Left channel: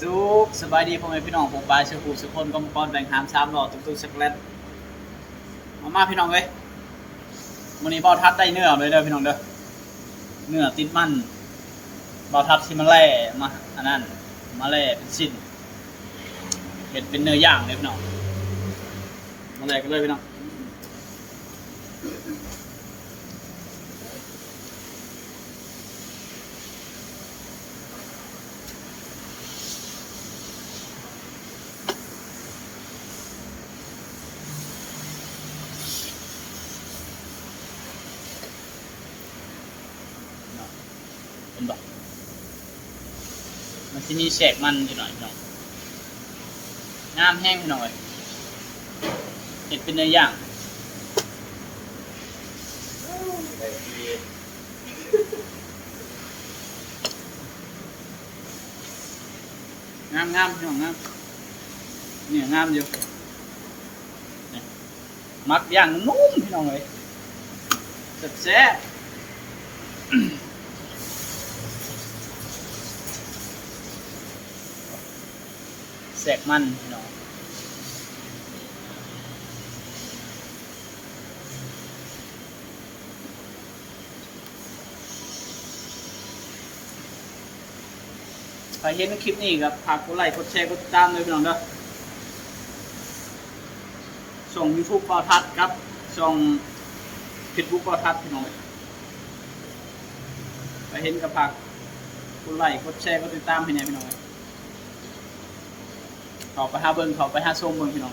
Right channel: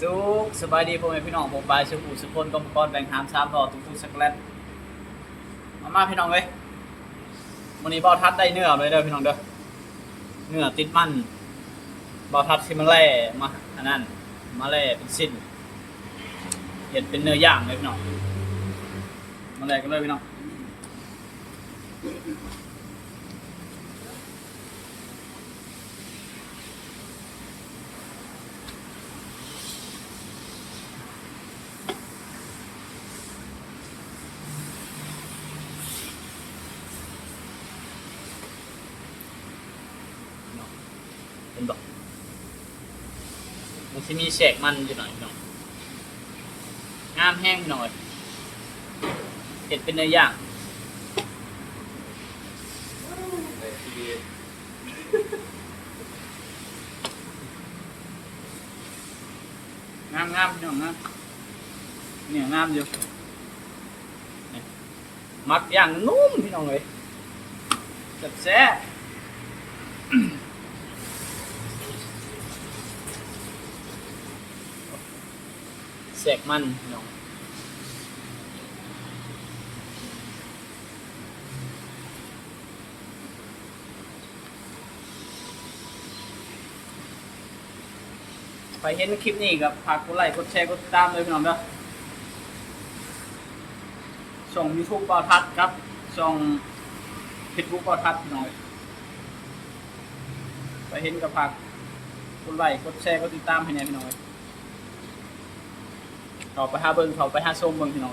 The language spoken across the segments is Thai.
สุขสบายดีพ่อแม่พี่น้องผมบายสุขุสุคนกรมกรแบ่งหามสามหล่อตุ้งตุ้งสักแลนมามาพี่น้องเลยวันนี้บาทัดได้เนื้อเลยเด้อพี่น้องเด้อเนื้อติดมันบาทัดที่มันแล่มาอันนั้นมาแล่เป็นสิ้นเห็นเป็นเนื้อย่างเลยพี่น้องมาแล่กันเลยพี่น้อง เป็นดอก มันจะมีแสกมันอยู่หน่อยน้องงามแห้งพี่อยเห็ดเป็นเนื้อย่างงามงามน้องงามเนี่ยงามอยู่มักอย่างนุ่มพี่น้องเลยแซ่บ แสกมันพี่น้องไปเห็นคลิปนี้ครับฝากกดไลค์กดแชร์กดติดตามเลยพี่น้องเด้อส่งยูทูบปอทัศน์ครับส่งเฟซบุ๊กปอทัศน์พี่น้องไปเห็นกับฝากกดไลค์กดแชร์กดติดตามให้แน่พี่น้อง เขาไปหาเบิ้งเขาไปหาส้มเบิ้งพี่น้อง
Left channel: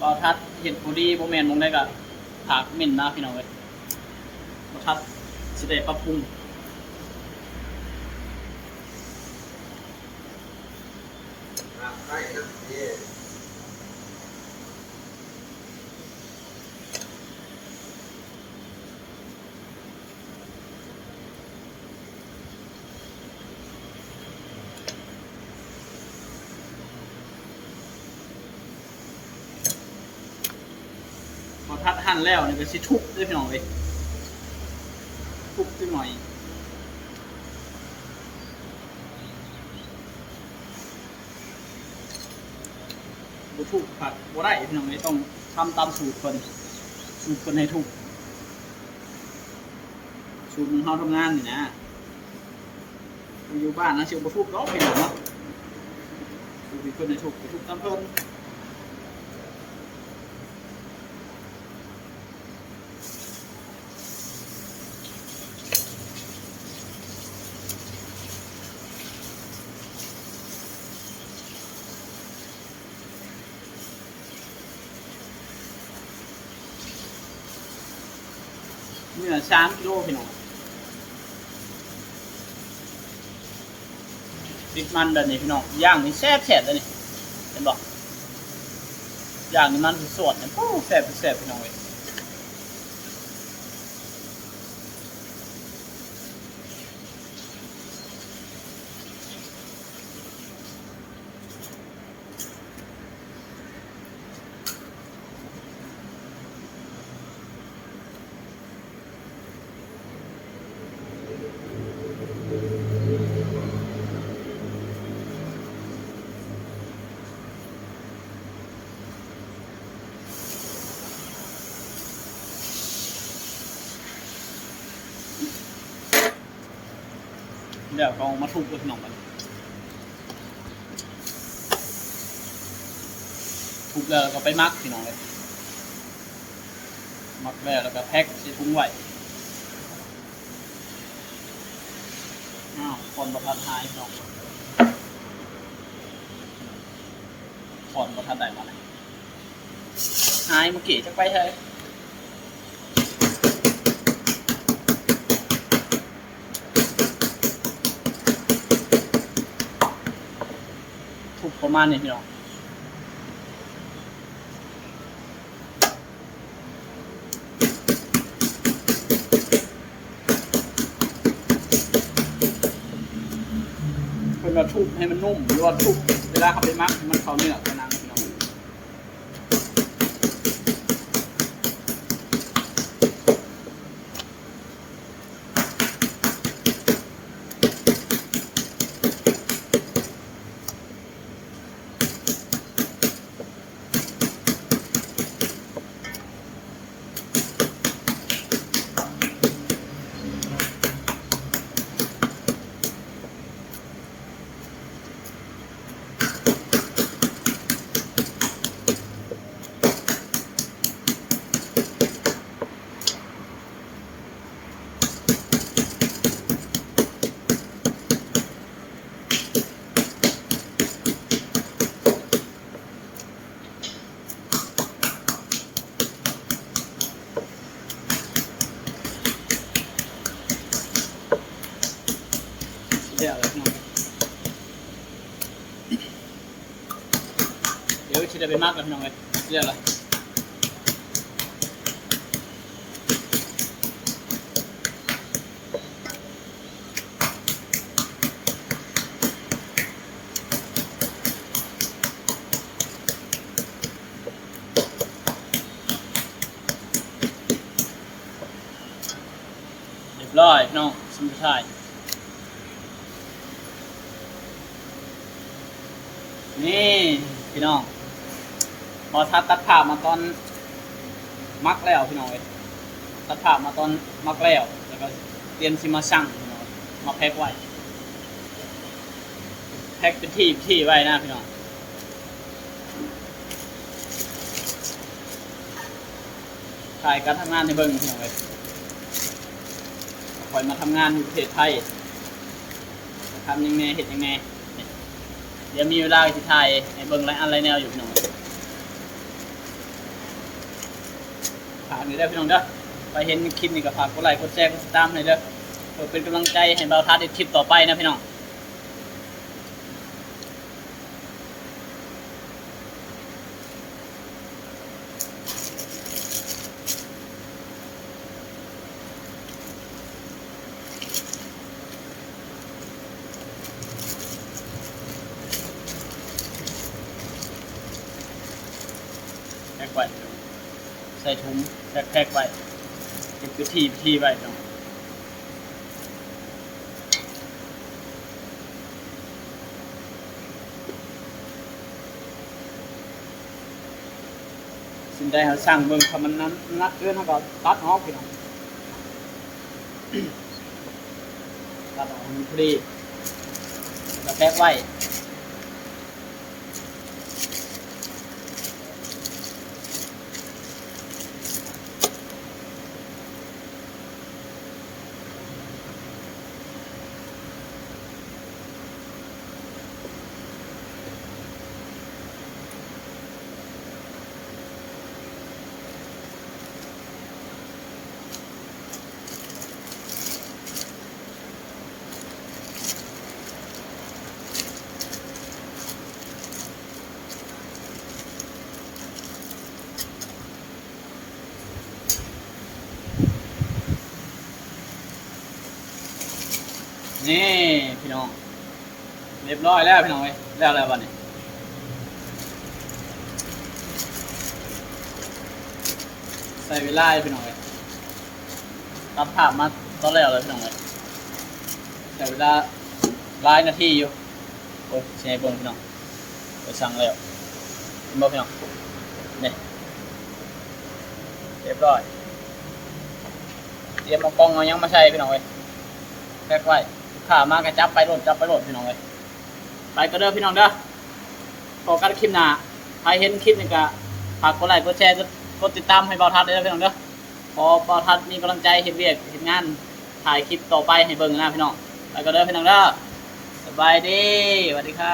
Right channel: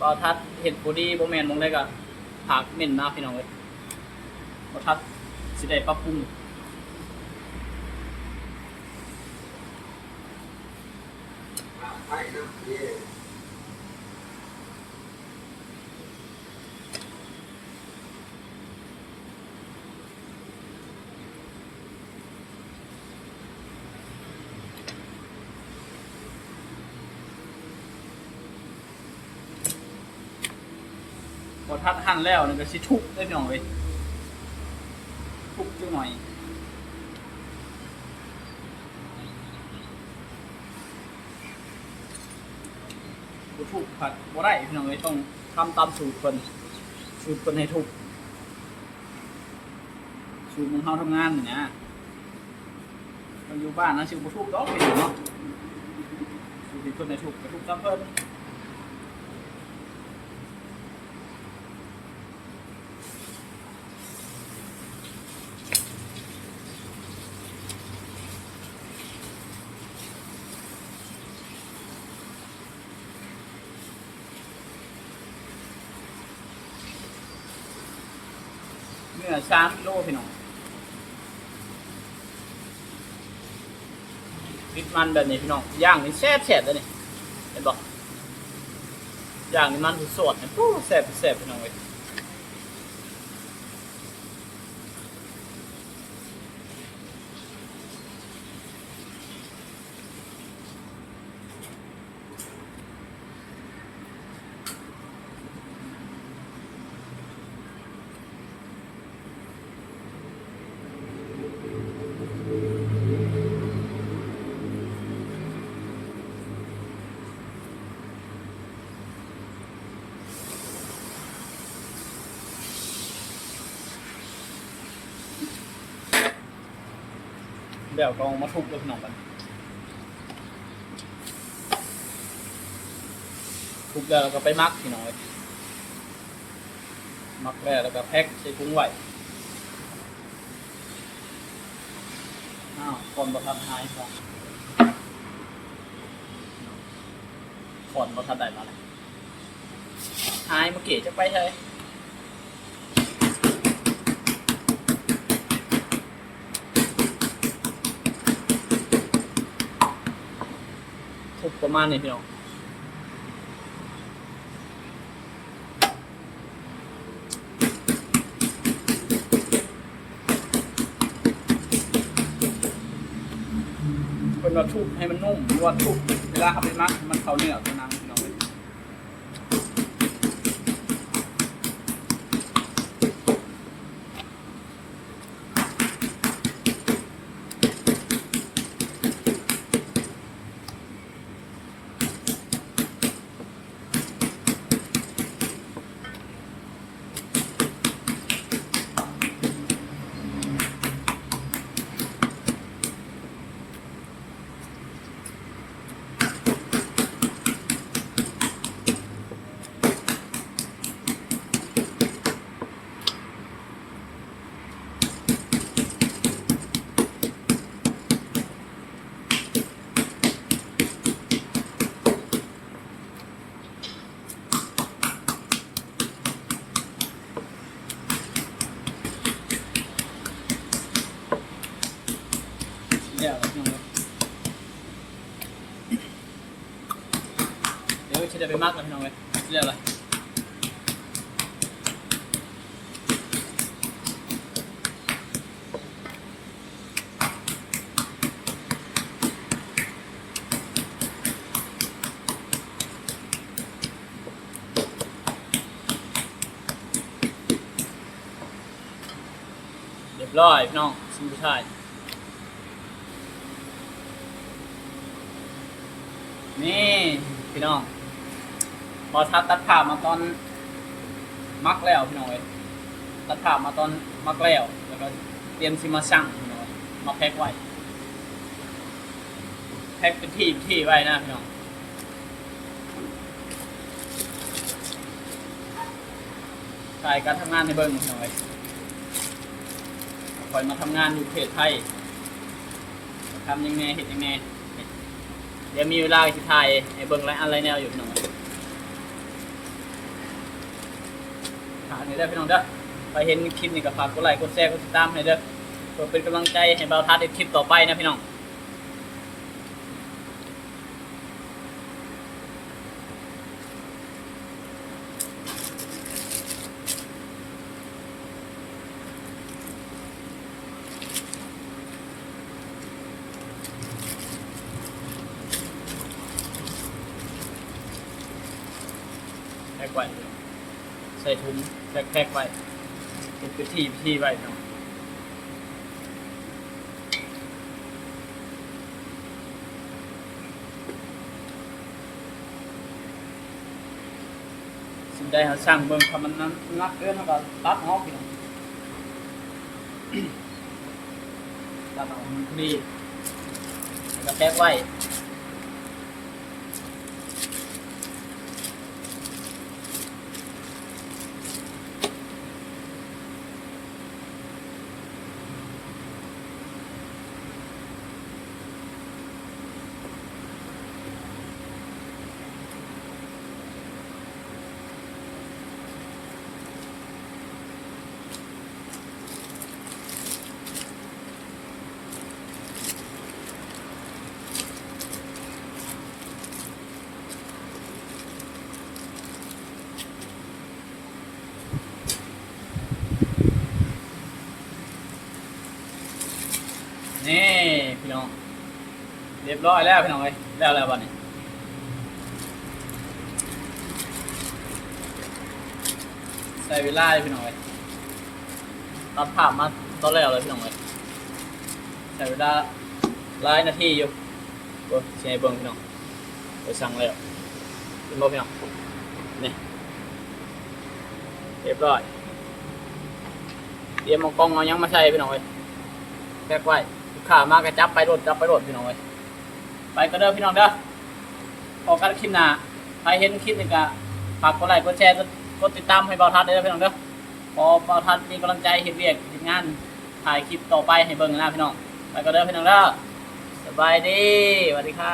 ปอทัศน์เห็นผู้ดีโบแมนมองได้กับผากเหม็นมากพี่น้องเว้ยบทัดสิได้ปรับปรุงให้นะที่บ ทัดหั่นแล้วนี่ก็สิทุบด้วยพี่อยทุบจังหน่อยบ่ทุบผัดบ่ได้พี่น้องเว้ยต้องทำตามสูตรเพิ่นสูตรเพิ่นให้ทุบสูตรมันเฮาทำงานนี่นะถ้าอยู่บ้านนะสิบ่ทุบดอกพี่น้องเนาะสูตรที่เพิ่นให้ทุบก็ทุบตามเพิ่น เนื้อสามกิโลพี่น้องปิดมันแบบนี้พี่น้องย่างนี่แซ่บแซ่บเลยนี่เห็นบอกย่างนี่มันสดๆเนี่ยโอ้แซ่บแซ่บพี่น้องเลย เดี๋ยวก็เอามาทุบกับหน้องมันทุบแล้วก็ไปมักพี่น้องเลยมักแล้วแล้วก็แพ็คใส่ถุงไว้อ้าวคนประทัดหายพี่องถอนประทัดได้มาเลยหายมาเก๋จะไปใช่ ประมาณนี้พี่น้องเพิ่นเราทุบให้มันนุ่มหรือว่าทุบเวลาเขาไปมักมันเขาเนื้อ กับหนังพี่น้องชิได้ไปมากแล้วพี่น้องเลยเรียกอะไรเรียบร้อยพี่น้องชิ้นสุดท้ายนี่พี่น้อง พอทัดตัดผ่าพมาตอนมักแล้วพี่น้องเลยตัดผ่าพมาตอนมักแล้วแล้วก็เตรียมซิมาสั่งพี่น้องเอ้ยมาแพ็คไว้แพ็คเป็นที่ที่ไว้นะพี่น้องถ่ายการทำงานในเบิ้งพี่น้องเลยคอยมาทำงานอยู่ประเทศไทยทำยังไงเห็นยังไงเดี๋ยวมีเวลาสิถ่ายให้เบิ่งไรอันไรแนวอยู่พี่น้องากหน่อยได้พี่น้องเด้อไปเห็นคลิปนี้ก็ฝากกดไลค์กดแชร์กดติดตามให้เด้อเพื่อเป็นกำลังใจให้เบาทัดในคลิปต่อไปนะพี่น้องแพ็คไว ใส่ถุงแพ็คแพ็คไว้เป็นพิธีพิธีไว้พี่น้องสิ่งใดเขาสร้างเบิ่งถ้ามันนั้นนักเกินเขาก็ตัดออกพี่น้องตัดออกมันพอดีแล้วแพ็คไว้ นี่พี่น้อง เรียบร้อยแล้วพี่น้องเอ้ยแล้วแล้ววันนี้ใส่เวลาพี่น้องเอ้ยตัดภาพมาตอนแล้วเลยพี่น้องเอ้ยใส่เวลาหลายนาทีอยู่โอ้ยใช่เบิ่งพี่น้องไปสั่งแล้วเห็นบ่พี่น้องนี่เรียบร้อยเตรียมเอากล้องเอายังมาใส่พี่น้องเอ้ยแพ็กไว้ ลูกค้ามากระจับไปรถจับไปรถพี่น้องเลยไปก็เด้อพี่น้องเด้อพอกันคลิปหน้าใครเห็นคลิปนี้ก็ฝากกดไลค์กดแชร์กดติดตามให้เบาทัดเด้อพี่น้องเด้อพอเบาทัดมีกำลังใจเห็นเรียกเห็นงานถ่ายคลิปต่อไปให้เบิ่งนะพี่น้องไปก็เด้อพี่น้องเด้อสบายดีสวัสดีครับ